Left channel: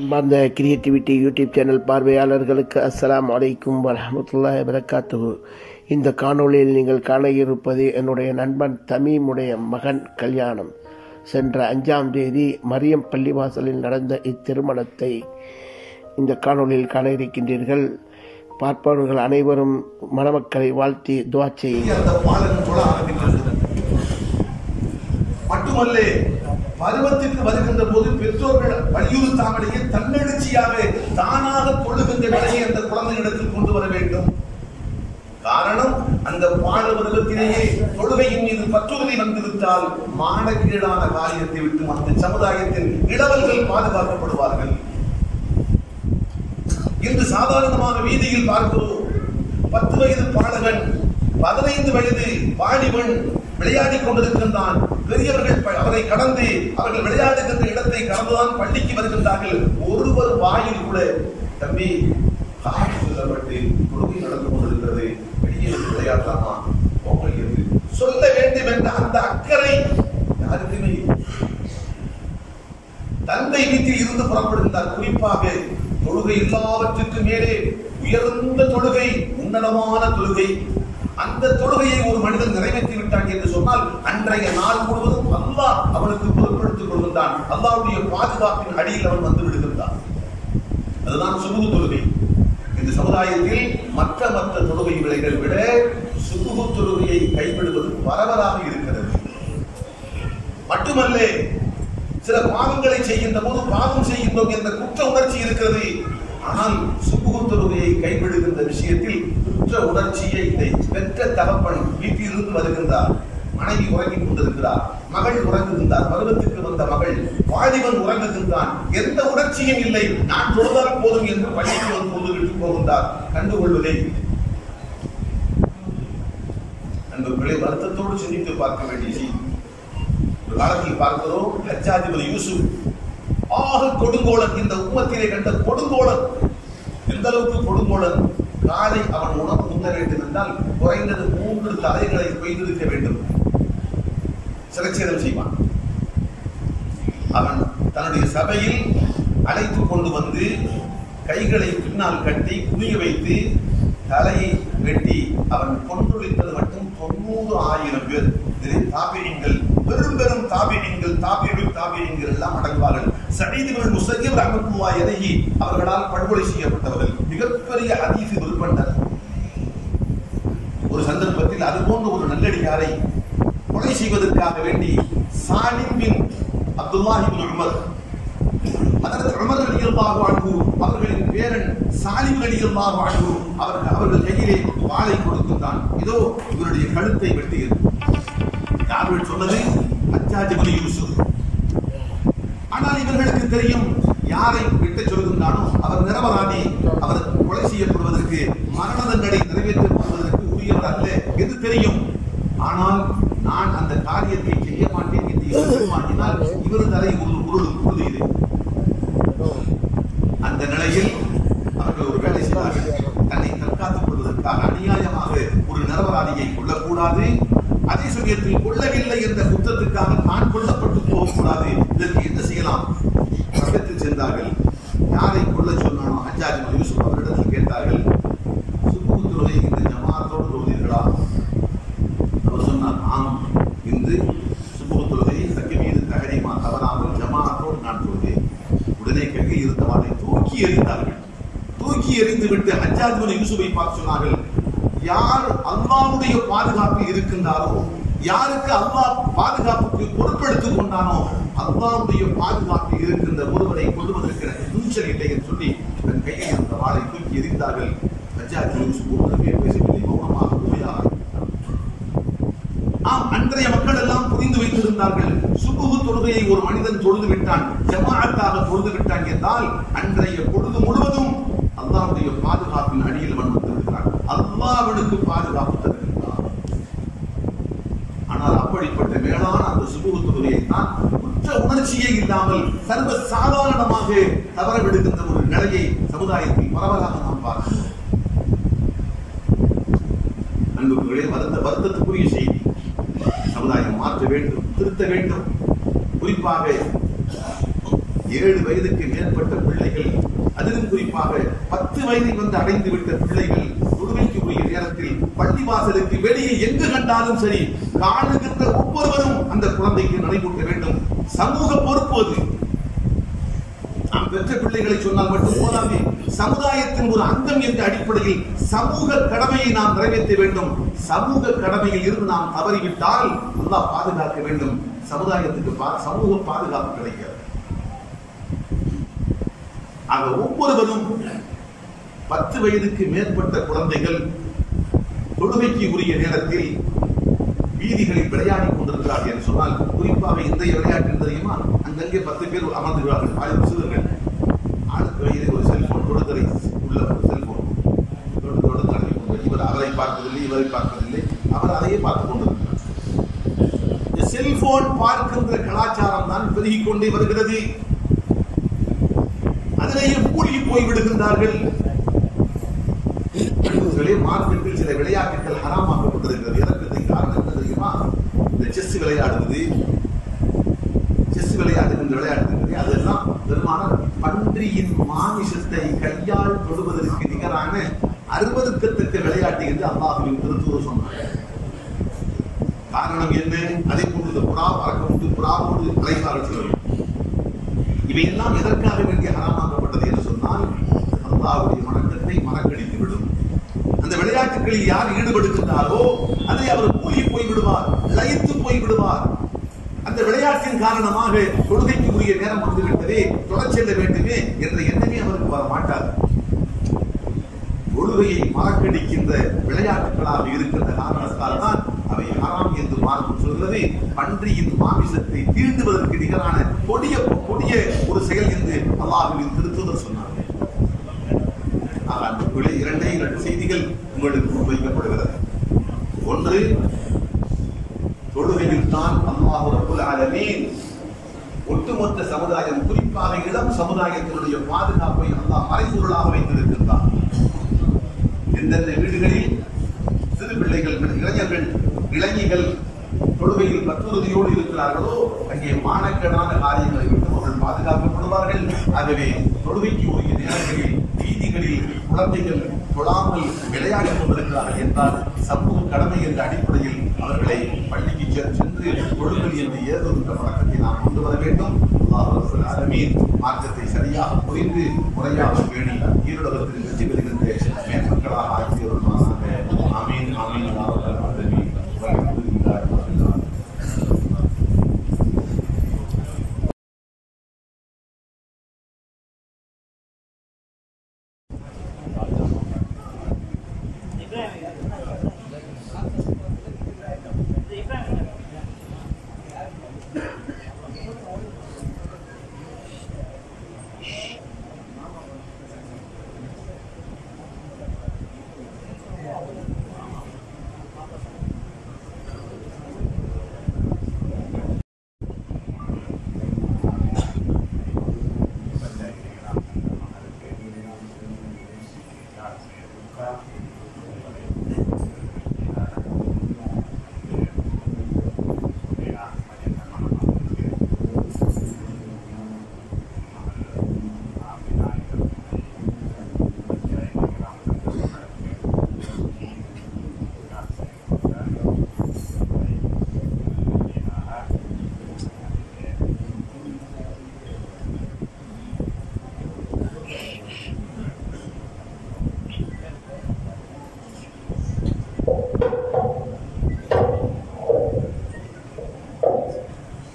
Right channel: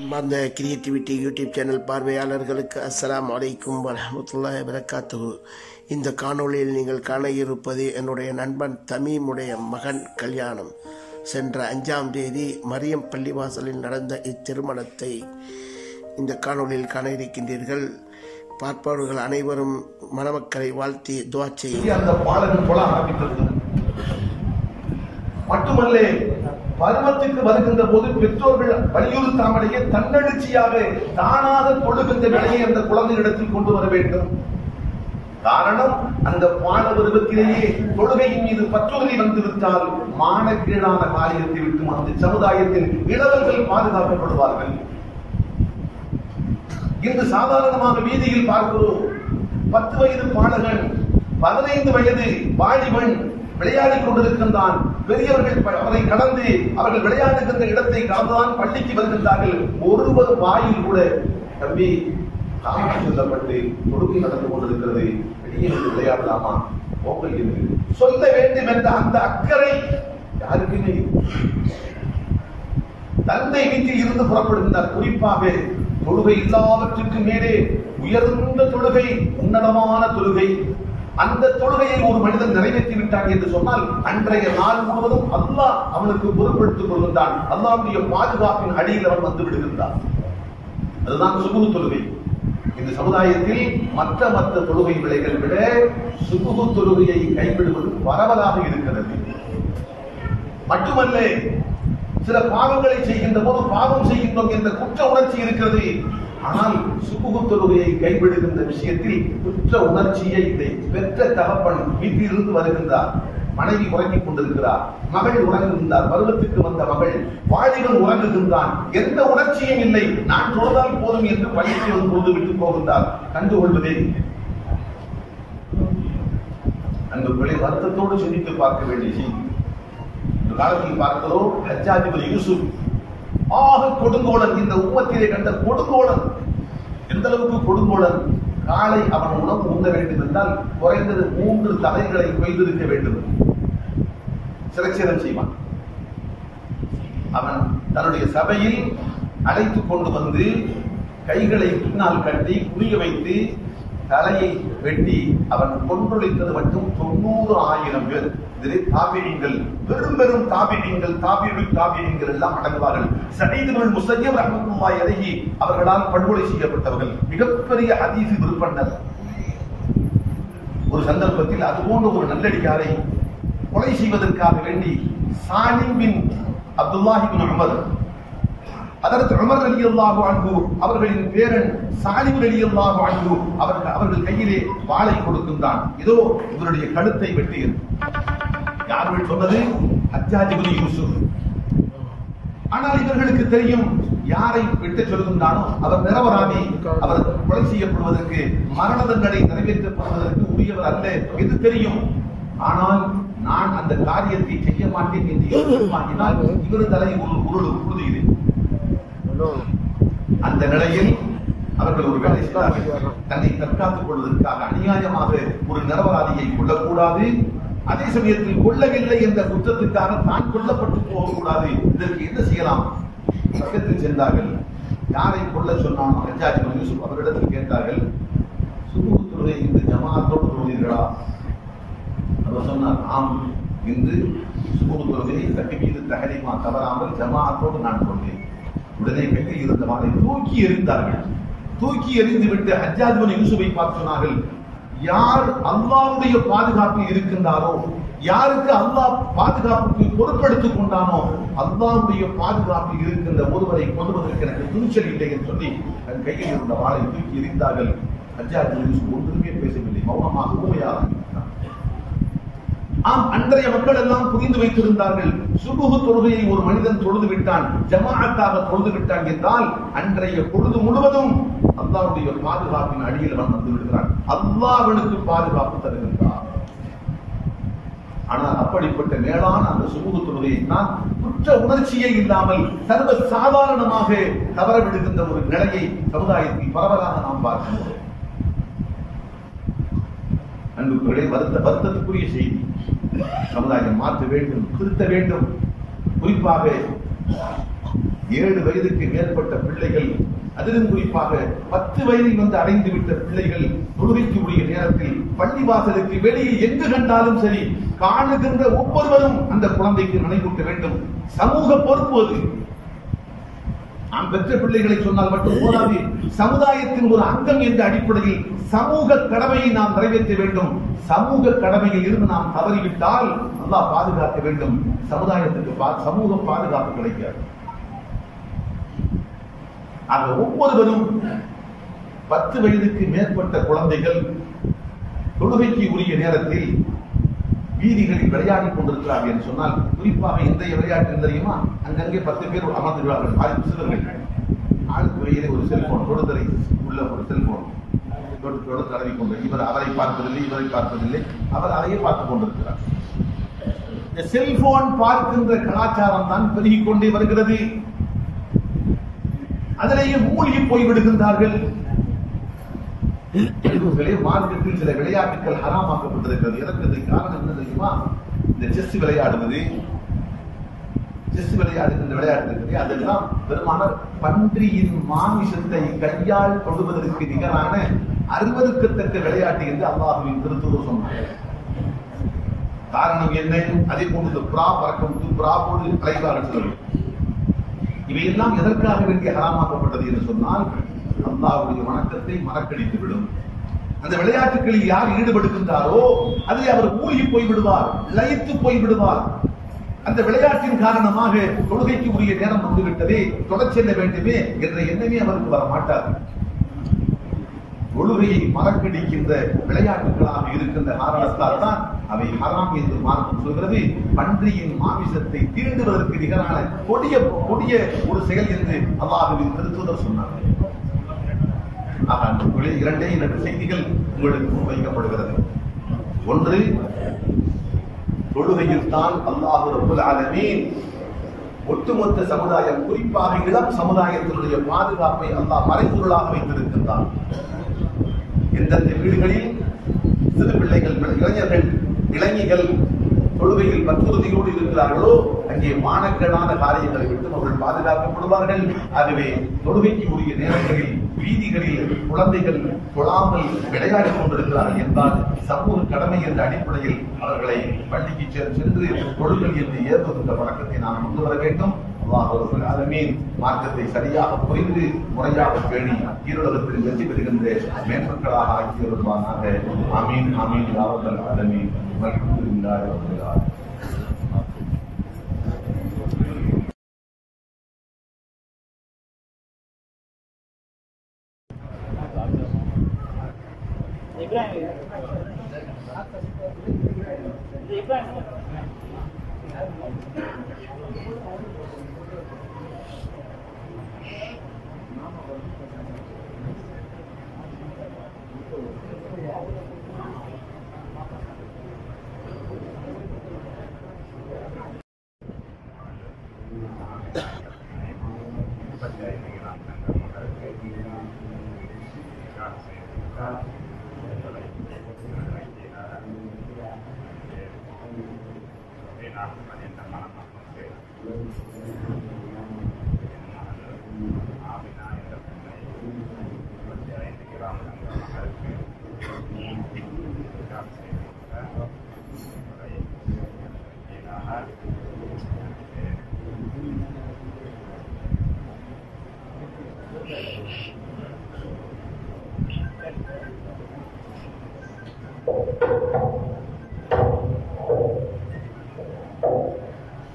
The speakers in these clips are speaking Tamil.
அன்பார்ந்த கிரியேட்டிவிட்டி யூடியூப் சேனல் பார்வையாளர்களுக்கு அஸ்ஸலாமு அலைக்கும் வரஹ்மத்துல்லாஹி வபரகாத்துஹு. இந்த காணொளியில் நீங்கள் காண இருப்பது என்னுடைய நண்பன் தமீமுடைய மகன் கல்யாணம். சென்ற 5ஆம் தேதி மரியம் பள்ளிவாசலில் நடந்த இத்திருமணத்தை இந்த காணொளியில் காண இருக்கின்றீர்கள். பார்ப்பவர்கள் அனைவரும் மணமக்களை வாழ்த்தி துஆ செய்யுங்கள். மட்டுமல்ல, பருவத்திற்கு வருகின்ற போது பெற்றோர்கள் வலியுறுத்தாமலேயே தன்னெழுச்சியாக தானாக தொழுகின்ற நிலையை அந்த குழந்தையிடத்தில் கொண்டு வர வேண்டும். காரணம், அந்த பால பருவத்திலேயே தொழுகையின் மீது பற்றுறுதி வந்துவிட்டால் மானக்கீழான காரியத்தை விட்டு அந்த சமுதாயத்தின் இளவல்கள் பாதுகாக்கப்படுவார்கள். இன்று சாதாரணமாக வீதியில் பார்க்கிறோம், 10 வயது பாலகன் 15 வயது வாலிபன் விளையாடிக் கொண்டிருக்கின்றான். பெரியவர்கள் அவரை கடந்து அவர்கள் விளையாடுகின்ற இடத்தை கடந்துதான் பள்ளிக்கு வருகின்றார்கள். ஒருவர் வாயில் கூட தம்பி காரணம் சொல்லப்பட்டு தொழுகை நடந்து கொண்டிருக்கிறது, வெளியே வந்து விளையாடலாமா பொங்கல் என்று சொல்ல வேண்டும் என்ற அந்த அக்கறை யாருக்குமே. தந்தை வீட்டில் இருந்து புறப்படுகின்றார். குறிப்பாக தொழுகை எல்லாவற்றுக்கு மேலே உயர்ந்த தொழுகை, உன்னதமான தொழுகை. அந்த தொழுகையை ஒரு மனிதன் நிறைவேற்றி விட்டான் என்று சொன்னால் அன்றைய நாள் முழுவதும் அல்லாஹ் அவனுக்கு பொறுப்பெடுத்துக் கொள்கின்றான். அல்லாஹ்வுடைய பாதுகாப்பின் அடியில் அவன் வந்து விடுகின்றான். அதுதான் சுபுஹ் தொழுகை. இந்த சமுதாயத்தில் மற்ற தொழுகை விலைகள் விட சுபுஹ் தொழுகையை கைவிடுவது பரவலாக இருக்கிறது. மட்டுமல்ல, சில பாவங்களை செய்கின்ற போது பாவம் செய்கின்றோம் என்ற குற்ற உணர்ச்சி இருக்கிறது. ஆனால் சுபுஹ் தொழுகையை கைவிடுகின்ற விஷயத்தில் குற்ற உணர்ச்சியை இல்லை. பெற்ற தகப்பன் வீட்டிலிருந்து வருகின்றார், மனைவி உறங்கிக் கொண்டிருக்கிறார், மகள் உறங்குகின்றார், பருவத்துக்கு வந்த மகள், வாலிபன் உறங்குகின்றான், எந்த உணர்ச்சியும் இல்லை. நான் தொழுதால் போதும் என்று பள்ளிக்கு வந்து தொழுது விட்டு போகின்றார். கண்டுகொள்வதே இல்லை. அன்புகளை வருத்தத்தோடு சிந்தித்து பார்க்க வேண்டிய செய்தி. ஒரு காலத்தில் பார்க்கிறோம், ஹஜ்ஜாஜ் இப்னு யூசுப் ஆக கொடுங்கோலன், இந்த உம்மத்திலே கண்ட கொடுங்கோலன். எந்த அளவுக்கு கொடுங்கோலன்? காலை அவன் உணவு உண்ண வேண்டும் என்றால் குறைந்தது 3 தலைகளை கொய்திருக்க வேண்டும். சிரச்சேதம் செய்வான். அவன் தன்னுடைய சபையில் அழைத்துக் கொண்டு வந்து கைகளை பின்னால் கட்டி குளிய வைத்து தலையை வெட்டி அவன் கொன்றொழித்தது மட்டும் 90,000 பேர். இதில் தாபிஈன்கள், பெரும் தாபிஈன்கள் எல்லாம் அடங்குவார்கள். சயீத் இப்னு முஸய்யிப் ரஹ்மத்துல்லாஹி அலைஹி அவர்களால் படுகொலை செய்யப்பட்டவர்கள், மிகப்பெரிய ஹதீஸ் விற்பனர். ஒரு சந்தர்ப்பத்தில் அது போன்ற ஒரு நல்லடியாரை கொலை செய்வதற்காக வேண்டி சாலிம் பின் அப்துல்லாஹ் இப்னு உமர், ஹஜ்ரத் உமர் ரலியல்லாஹு அன்ஹு அவர்களின் பேரன் சாலிம் ரலியல்லாஹு அன்ஹு அவர்கள் கையிலே வாளை கொடுக்கின்றான். இதோ இவருடைய கழுத்தை வெட்டியது. யார் சொன்னது? ஹஜ்ஜாஜ் இப்னு யூசுப். ஆனால் இவர்களுக்கு தெரியும், யாரை வெட்ட சொல்கின்றானோ அவர் நிரபராதி, அவர் கொலை செய்யப்படுவதற்கு, மரண தண்டனை நிறைவேற்றப்படுவதற்கு உரியவர் அல்ல என்று தெரியும். ஆனால் நான் அந்த காரியத்தை செய்ய மாட்டேன் என்று மாட்டினால் இவர் தலை உறுதியிலே. அந்த நிலையில் அவர்கள் ஒரு வேலை செய்தார்கள். தன்னை தற்காத்துக் கொள்வதற்காக அநியாயமாக ஒரு நிரபராதியை கொல்லக்கூடாது, அதே சமயத்தில் கொல்லவில்லை என்ற குற்றத்துக்காக தான் கொல்லப்பட்டு போகக்கூடாது. இதற்கு என்ன செய்யலாம்? பக்கத்தில் சென்றார்கள். யாரை கொல்ல சொன்னானோ ஹஜ்ஜாஜ் இப்னு யூசுப் அவரிடத்தில் கேட்டார்கள், சுபுஹ் தொழுகை இந்த ஜமாஅத்தோடு தொழுதீர்களா? அவர் சொன்னார், ஆம், இன்று சுபுஹ் தொழுகை தக்பீர் தஹரீமா தவறாமல் ஜமாஅத்தோடு நான் தொழுதேன். உடனே கையில் இருந்த வாளை தூக்கி எறிந்தார்கள். தூக்கி எறிந்து விட்டு ஹஜ்ஜாஜ் இப்னு யூசுஃபை பார்த்து சொன்னார்கள், யார் அல்லாஹ்வுடைய பாதுகாப்பில் இருக்கின்றாரோ, யாருக்கு அல்லாஹ் பாதுகாப்புக்கு பொறுப்பெடுத்துக் கொண்டானோ, அல்லாஹ்வுடைய பாதுகாப்பில் இருக்கின்ற ஒருவரை கொள்வதற்கு எனக்கு துணிச்சல் இல்லை என்று சொல்லி தன் கையில் இருந்த வாளை தூக்கி எறிந்தார்கள். ஹஜ்ஜாஜ் இப்னு யூசுப் ஒன்றுமே பேசவில்லை, மௌனமாக உண்மையாக. ஆம், அன்றைய மக்கள் எல்லாம் புரிந்து வைத்திருந்தார்கள், சுபுஹ் தொழுகையை ஒரு மனிதன் தொழுது விட்டான், ஜமாஅத்தாக தொழுது விட்டான் என்றால் அன்றைய பொழுது முழுவதும் அல்லாஹ்வுடைய பாதுகாப்பின் அடியில் அவன் வந்து விடுகிறான். அல்லாஹ் அவனுக்கு பாதுகாப்பு தருகின்றார். ஆனால் அப்படிப்பட்ட மேலான அந்த சுபுஹ் தொழுகையை தான் குற்ற உணர்ச்சியே இல்லாமல் சர்வ சாதாரணமாக தவறவிடுகின்ற ஒரு நிலையை சமுதாயத்தில் பரவலாக நாம் பார்க்கிறோம். அன்புகளே, வருத்தத்துக்குரிய செய்தி. சமுதாயம் மாற்ற வேண்டும், திருத்த வேண்டும். குறிப்பாக 7 வயதுக்கு மேற்பட்ட பிள்ளைகள், அதிலும் குறிப்பாக 10 வயதை அடைந்து விட்ட பிள்ளைகள் தொழுகைக்கு உரிய நேரத்தில் பள்ளிவாசலுக்கு வெளியில் எங்கு கண்டாலும் சரி, காணுகின்ற ஒவ்வொருவரும் அந்த குழந்தைக்கு நடைபெற்ற வேண்டும். சமூக பொறுப்பு அது. நாம் பெற்ற பிள்ளைகளை சொன்னால் மட்டும் போதாது, சமுதாயத்தின் ஒரு அங்கம் என்ற அடிப்படையில் சமூக கடமையை நாம் நிறைவேற்ற வேண்டும். சமூக கடமையில் இருந்து நாம் தவறிவிட்டால் அல்லாஹ் பாதுகாக்க வேண்டும். சமுதாயத்துக்கு சமூக பாதுகாப்பு கிடைக்காது. ஆக ஒவ்வொருவரும் 10 வயதுக்கு மேற்பட்ட குழந்தைகள் தொழுகைக்கு உரிய நேரத்தில் வீதிகளில் விளையாடி கொண்டிருக்கிறார்கள் என்று சொன்னால், குறிப்பாக இன்றைய விளையாட்டு தெரியுமா? அங்கங்கே 10 பேர் அமர்ந்துகிறார்கள், பாதி சிறுவர்கள். ஆளுக்கு வயது ஒரு செல்போன், தொடுதலை உள்ள ஒரு செல்போன் தொடு தடவி கொண்டு, இவர் அவரை பார்ப்பதில்லை, இவரை பார்ப்பதில்லை, அவர் அதையே பார்த்துக் கொண்டிருக்கிறார். இந்த செல்போன் பார்க்கின்ற கலாச்சாரம் தான் பெருகிக் கொண்டே வருகிறது. அதிலேயே மூழ்கி போய்விடுகின்றார்கள். மார்க்கெட்டில் சில விளையாட்டுகள் ஹராமாக்கப்பட்டிருக்கிறது. எனக்கு காரணம் என்ன தெரியுமா? இந்த செஸ் விளையாடுவது, செஸ் விளையாடுகின்ற விளையாட்டு இருக்கிறது, அதெல்லாம் பெருமான பன்றியின் மாமிசத்தை கையால் தொடுவதற்கு நிகரான அருவருக்கத்தக்க விளையாட்டு என்று அல்லாஹ்வின் திருத்தூதர் சொன்னார். காரணம் என்ன? அதே போன்று புறா பறக்க புறாவோடு அழைப்பார்கள். இவையெல்லாம் எதற்காக வேண்டிய ஹராமாக்கப்பட்டது என்று சொன்னால், அல்லாஹ்வுடைய வணக்கத்தை மறக்கடித்துவிடும். அந்த விளையாட்டுகளில் யார் ஈடுபடுகின்றாரோ அதில் அவர் மூழ்கி போய்விடுவார், லயித்து போய்விடுவார். அந்த விளையாட்டின் காரணமாக தொழுகைக்கு உரிய நேரம் வந்துவிட்டதே, தொடர் செல்ல வேண்டுமே என்ற எண்ணமே அவருக்கு வர மாட்டார். தொழுகையை மறக்கடிக்கின்ற விளையாட்டுகளாக இருக்கின்ற காரணத்தால் தான் அவை ஹராம் என்று மார்க்கம் சொல்கிறது. பன்றியின் மாமிசத்தை தீண்டுவதற்கு நிகரான கொடிய ஒரு செயல் என்று அல்லாஹ்வின் திருத்தூதர் சொன்னார். இரண்டே 2 செய்திகள் உங்களுக்கு முன்வைக்கப்படுகிறது. ஒன்று, தொழுகையில் தான் அல்லாஹ் ரப்பல் ஆலமீன் ஒட்டுமொத்த சமுதாயம், குறிப்பாக இளம் சமுதாயத்தினுடைய பாதுகாப்பை அல்லாஹ் மறைபொருளாக வைத்திருக்கின்றார். எந்தெந்த வீடுகளில் சிறு பிள்ளைகள், இளைஞர்கள், இளைஞர்கள் தொழுகையில் பற்றுறுதியோடு இருக்கிறார்களோ அங்கே மானக்கேடான காரியங்களை விட்டு அவர்கள் பாதுகாக்கப்படுவார்கள். ஆகவே தொழுகைக்கு உரிய நேரங்களில் வீதிகளில் குழந்தைகள் தொழாமல் விளையாடிக் கொண்டிருக்கிறார்கள் என்றால் சமூக கடமை என்ற அடிப்படையில் அவர்களை பள்ளிக்கு சென்று தொழுங்கள் என்று ஏற்படுகின்ற வழக்கத்தை நாம் கொண்டு வர வேண்டும். அல்லாஹ் ரப்பல் ஆலமீன் மார்க்கத்தை சரியாக புரிந்து முறையாக பேணி ஈருலகத்தில் வெற்றி பெறுகின்ற மேன்மக்களாக ஆக்கி வருவானாக. ஆமீன் ஆமீன் யா ரப்பல் ஆலமீன். வல்ஹம்துலில்லாஹி ரப்பில் ஆலமீன்.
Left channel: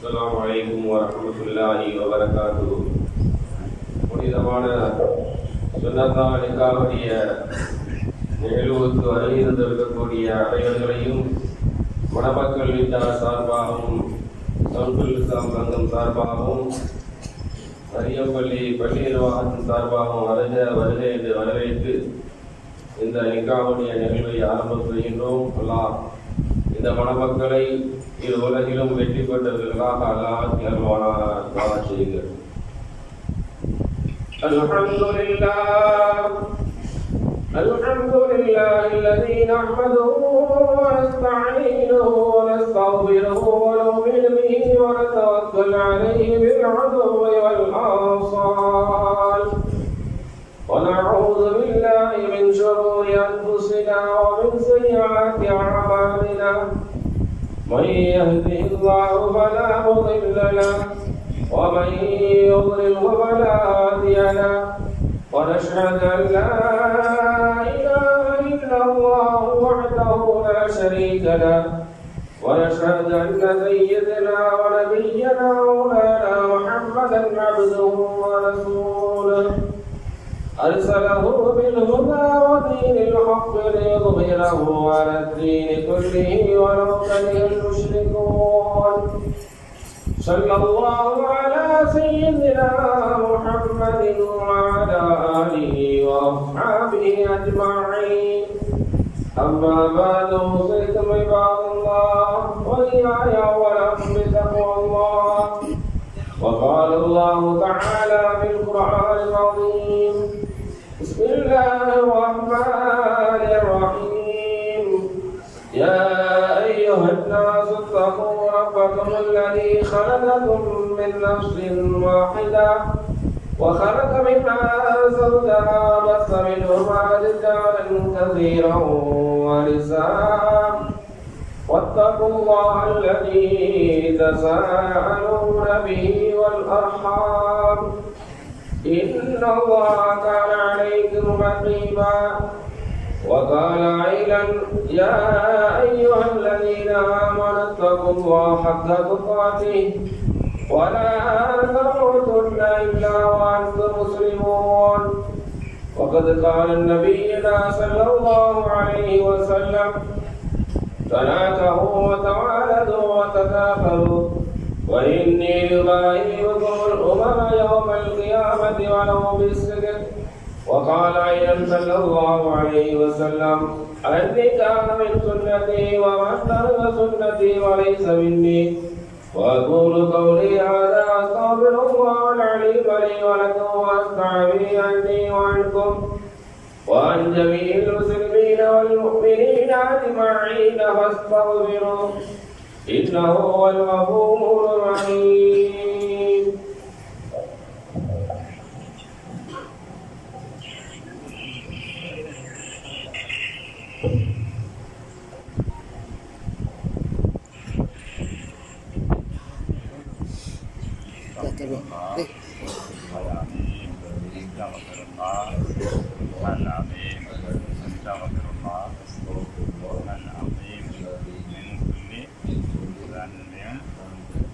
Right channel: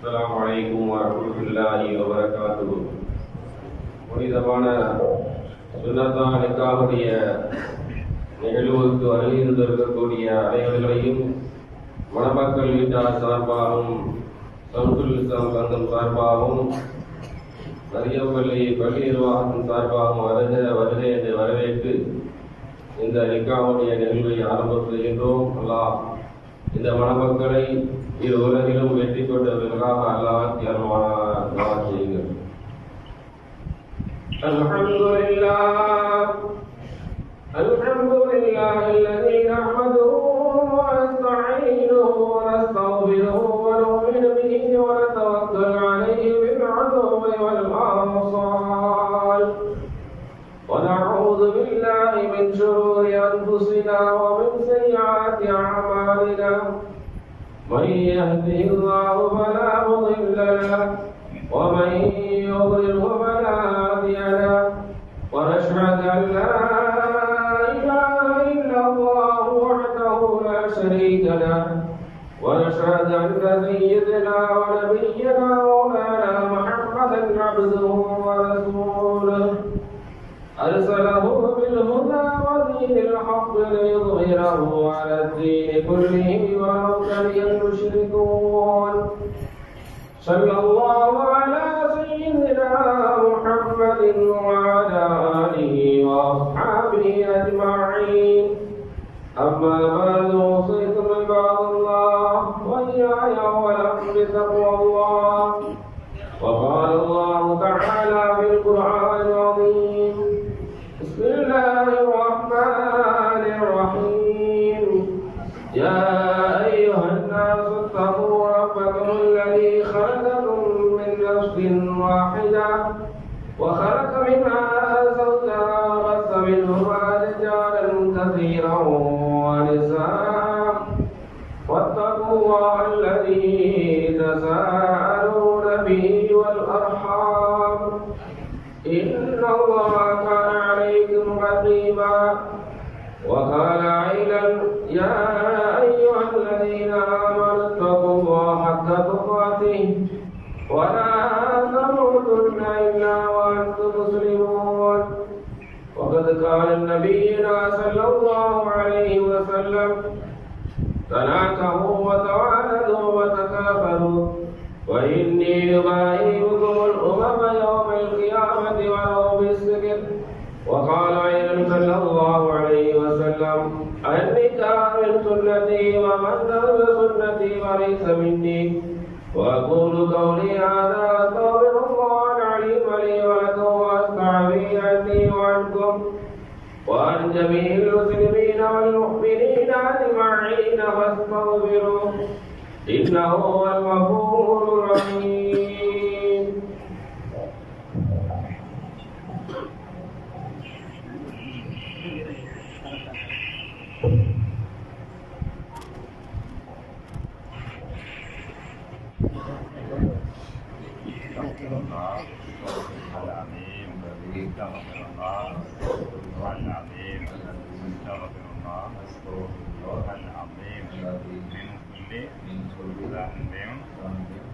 அஸ்ஸலாமு அலைக்கும் வரஹ்மத்துல்லாஹி வபரகாத்துஹு. புனிதமான சுன்னத்தான நிக்காஹுடைய நிகழ்வுக்கு வருகின்றிருக்கக்கூடிய அனைவர்களையும் மணமக்கள் வீட்டார் சார்பாகவும் சவுண்டுல் இஸ்லாம் சங்கம் சார்பாகவும் மரியப்பள்ளி பள்ளி நிர்வாகத்தின் சார்பாகவும் வருக என்று வரவேற்று இந்த நிக்காஹுடைய நிகழ்வை ஆரம்பம் செய்கின்றோம். அல்லாஹ் இந்த மணமக்களை இரு உலகிலும் வெற்றி பெற்றவர்களாக அல்லாஹ் செய்யுங்கள். அல்ஹம்துலில்லாஹ் அல்லதீ நஹ்மதுஹு வ நஸ்தஈனுஹு வ நஸ்தக்பிருஹு வ நு'மினு பிஹி வ நதவக்கலு அலைஹி பில் 'அதுவி வல் أنفسنا ومن سيئات أعمالنا من يهده الله فلا مضل له ومن يضلل فلا هادي له ونشهد أن لا إله إلا الله وحده لا شريك له ونشهد أن سيدنا ونبينا مولانا محمدا عبده ورسوله أرسله بالهدى ودين الحق ليظهره على الدين كله ولو كره المشركون صلى الله على سيدنا محمد وعلى آله وأصحابه أجمعين أما بعد أوصيكم عباد الله وإياي أولا بتقوى الله وقال الله تعالى في القرآن العظيم بسم الله الرحمن الرحيم يا أيها الناس اتقوا ربكم الذي خلقكم من نفس واحدة وخلق منها زوجها وبث منهما رجالا كثيرا ونساء واتقوا الله الذي تساءلون به والأرحام إن الله كان عليكم رقيبا وقال أيضا يا أيها الذين آمنوا اتقوا الله حق تقاته ولا تموتن إلا وأنتم مسلمون وقد قال نبينا صلى الله عليه وسلم تناكحوا وتوالدوا وتكاثروا وإني يبايعكم الأمم يوم القيامة ولو بالسكت وقال أيضا صلى الله عليه وسلم النكاح من سنتي ومن ترك سنتي وليس مني وأقول قولي هذا أستغفر الله العليم لي ولكم وأستعفي عني وعنكم وعن جميع المسلمين والمؤمنين أجمعين فاستغفروه إنه هو الغفور الرحيم.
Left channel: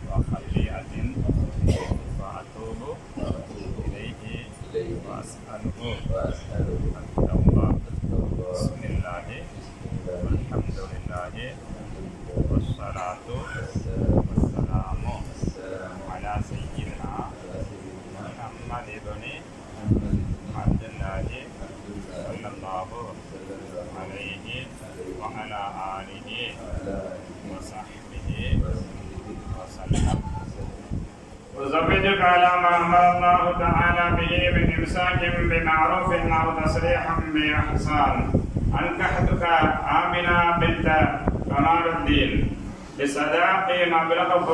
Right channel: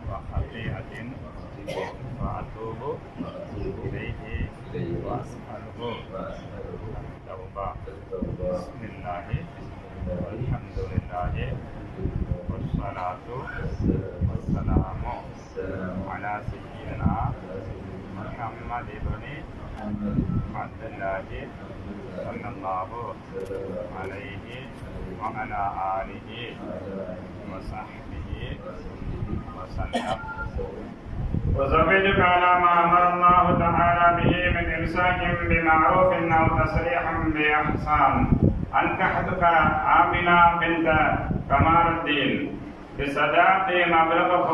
وخطيئة فأتوب إليه وأسأله التوبة. بسم الله والحمد لله والصلاة والسلام على سيدنا محمد بن عبد الله صلى الله عليه وعلى آله وصحبه وسلم. وزوجك على ما أمر الله تعالى به من إمساك بمعروف أو تسريح بإحسان. أنكحتك آمنة بنت كمال الدين بصداق مبلغه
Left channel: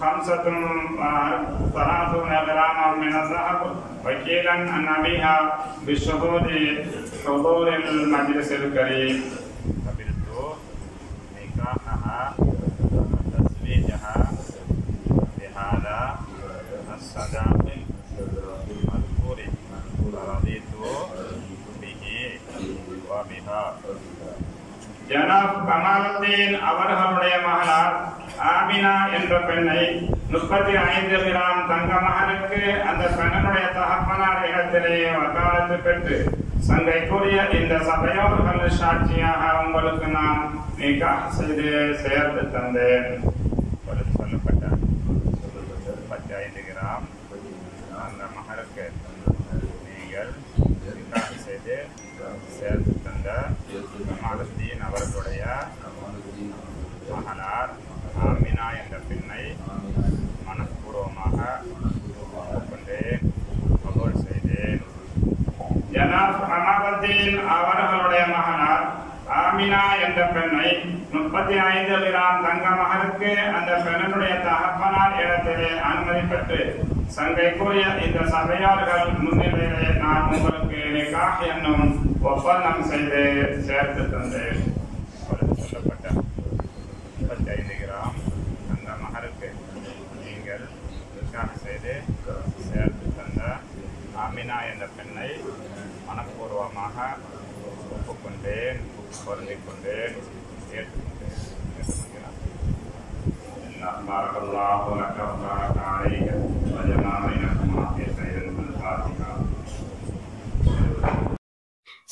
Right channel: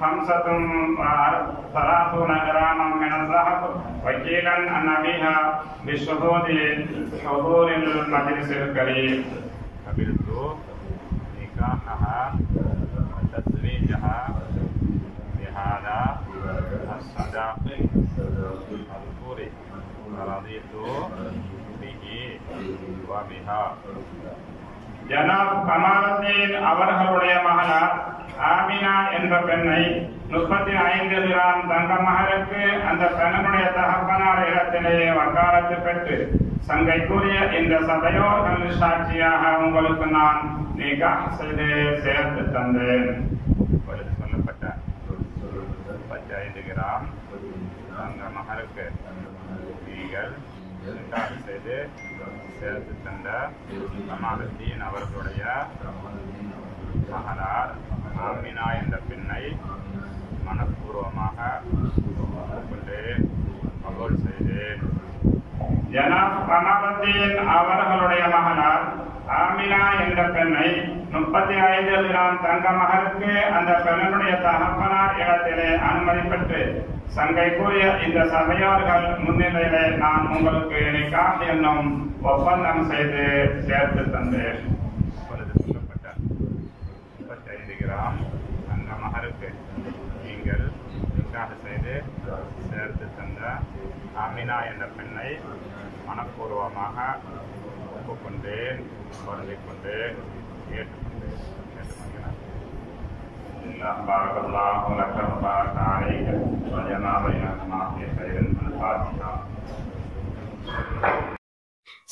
35 غراما من الذهب وكيلا عن أبيها بشهود حضور المجلس الكريم. قبلت نكاحها وتزويجها بهذا الصداق المذكور ورضيت به وبها. ஜனாப் கமாலுத்தீன் அவர்களுடைய மகளார் ஆமினா என்ற பெண்ணை 35 கிராம் தங்க மகருக்கு அந்த பெண்ணுடைய தகப்பனார் இடத்திலே வக்காலத்து பெற்று சங்கைக்குரிய இந்த சபையோர்கள் சாட்சியாக உங்களுக்கு நான் நிகாஹ் செய்து சேர்த்து தந்தேன். சொல்லப்பட்ட 35 கிராம் தங்க மகருக்கு நீங்கள் நிகாஹ் செய்து சேர்த்து தந்த கமாலுத்தீன் அவர்களுடைய மகளார் ஆமினா என்ற பெண்ணை மனப்பூர்வமாக ஒப்புக்கொண்டேன், கபூல் செய்தேன். ஜனாப் கமாலுத்தீன் அவர்களுடைய மகளார் ஆமினா ஆமினா என்ற பெண்ணை 35 கிராம் தங்க மகருக்கு அந்த பெண்ணுடைய தகப்பனார் இடத்திலே அனுமதி பெற்று சங்கை கூறிய இந்த சபையார்கள் முன்னிலையிலே நான் உங்களுக்கு நிக்காஹ் என்னும் ஒப்பந்தம் செய்து சேர்த்து தந்தேன். சொல்லப்பட்ட 35 கிராம் தங்க மகருக்கு நீங்கள் நிக்காஹ் செய்து சேர்த்து தந்த ஆமினா என்ற பெண்ணை மனப்பூர்வமாக ஒப்புக்கொண்டேன், பொருந்திக் கொண்டேன், ஏற்றுக்கொண்டேன். ஏற்றுக்கொள்கிறேன்.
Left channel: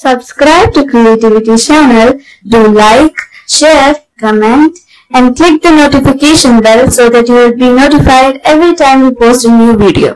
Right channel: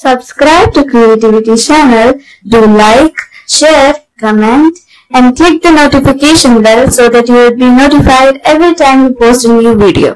Subscribe to Creativity channel, do like, share, comment and click the notification bell so that you will be notified every time we post a new video.